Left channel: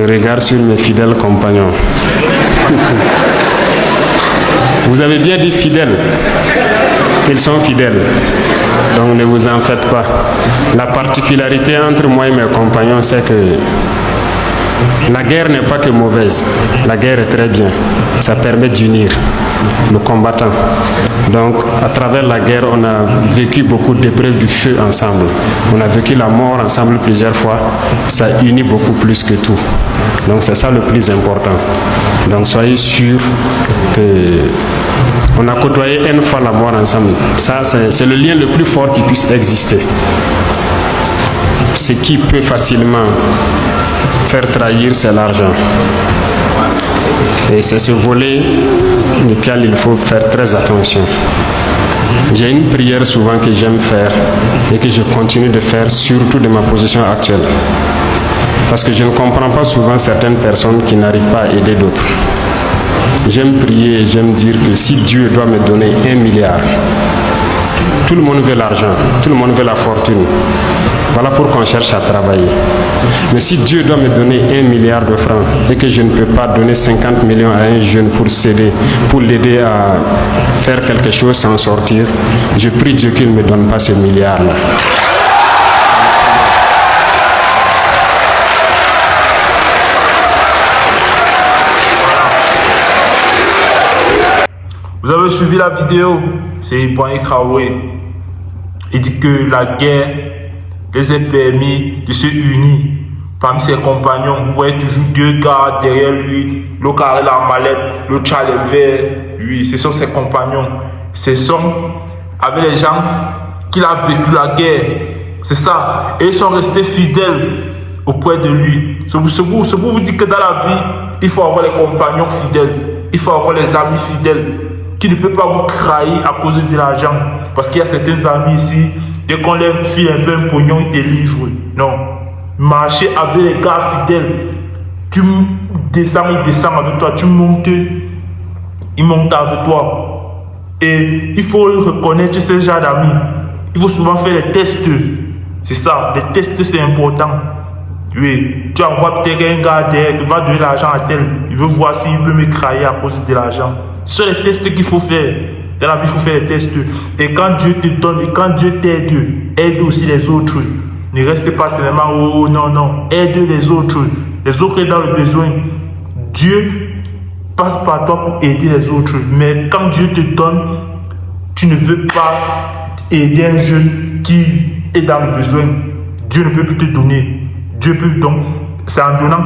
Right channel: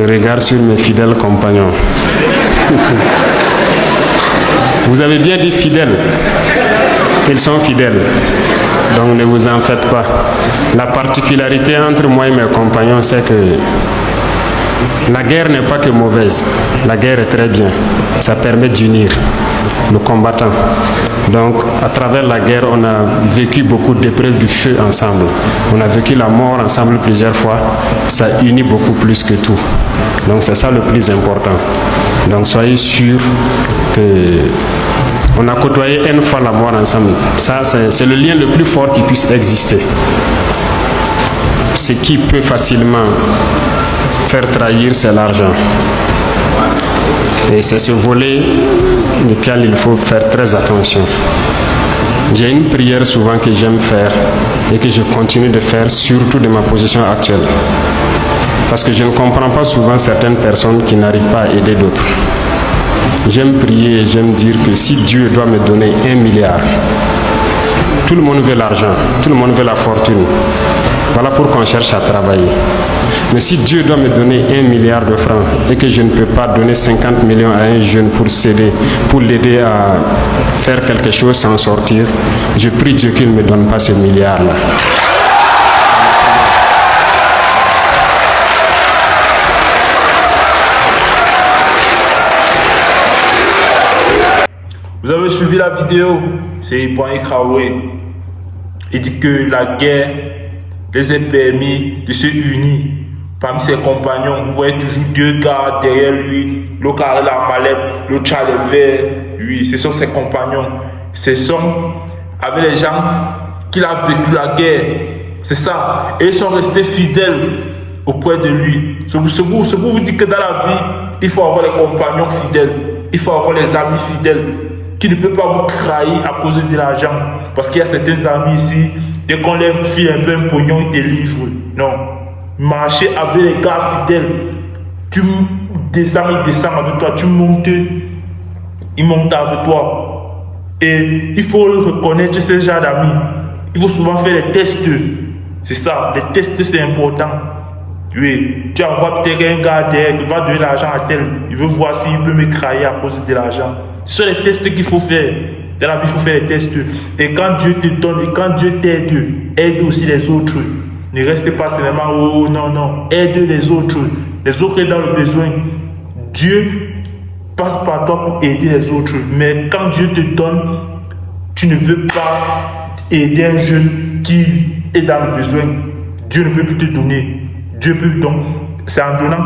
le regard sur mes fidèles compagnons. Vous avez bien dit fidèles. Ils sont fidèles. Donc ne vous en faites pas. La particularité entre moi et mes compagnons, c'est que la guerre n'est pas que mauvaise. La guerre est très bien. Ça permet d'unir le combattant. Donc, à travers la guerre, on a vécu beaucoup d'épreuves du feu ensemble. On a vécu la mort ensemble plusieurs fois. Ça unit beaucoup plus que tout. Donc, c'est ça le plus important. Donc, soyez sûrs que on a côtoyé une fois la mort ensemble. Ça, c'est le lien le plus fort qui puisse exister. Ce qui peut facilement faire trahir, c'est l'argent. Et c'est ce volet duquel il faut faire très attention. J'ai une prière souvent que j'aime faire et que je continue de faire, surtout de ma position actuelle. Parce que je ne comprends pas souvent certaines personnes qui n'arrivent pas à aider d'autres. J'aime prier et j'aime dire que si Dieu doit me donner 1 milliard, tout le monde veut l'argent, tout le monde veut la fortune. Voilà pourquoi on cherche à travailler. Mais si Dieu doit me donner 1 milliard de francs et que je ne peux pas donner 50 millions à un jeune pour l'aider à faire quelque chose, s'en sortir, je prie Dieu qu'il ne me donne pas ce milliard-là. Vous avez suivi la vidéo, c'est Ibrahim Traoré. Il dit que la guerre les a permis de se unir. Parmi ses compagnons, vous voyez toujours 2 gars derrière lui, le carré la mallette, le tchal est vert. Oui, ce sont ses compagnons. Ce sont avec les gens qu'il a vécu la guerre. C'est ça. Et ils sont restés fidèles auprès de lui. C'est pour vous dire que dans la vie, il faut avoir les compagnons fidèles. Il faut avoir les amis fidèles qui ne peuvent pas vous trahir à cause de l'argent. Parce qu'il y a certains amis ici, dès qu'on leur file un peu un pognon, ils te livrent. Non. Marcher avec les gars fidèles. Tu descends, ils descendent avec toi. Tu montes, ils montent avec toi. Et il faut reconnaître ce genre d'amis. Il faut souvent faire les tests. C'est ça. Les tests, c'est important. Oui. Tu envoies peut-être un gars derrière, il va donner l'argent à tel. Il veut voir s'il peut me trahir à cause de l'argent. Ce sont les tests qu'il faut faire. Dans la vie, il faut faire les tests. Et quand Dieu te donne, et quand Dieu t'aide, aide aussi les autres. Ne restez pas seulement, oh non, non. Aide les autres. Les autres dans le besoin. Dieu passe par toi pour aider les autres. Mais quand Dieu te donne, tu ne veux pas aider un jeune qui est dans le besoin. Dieu ne peut plus te donner. Dieu peut donc, c'est en donnant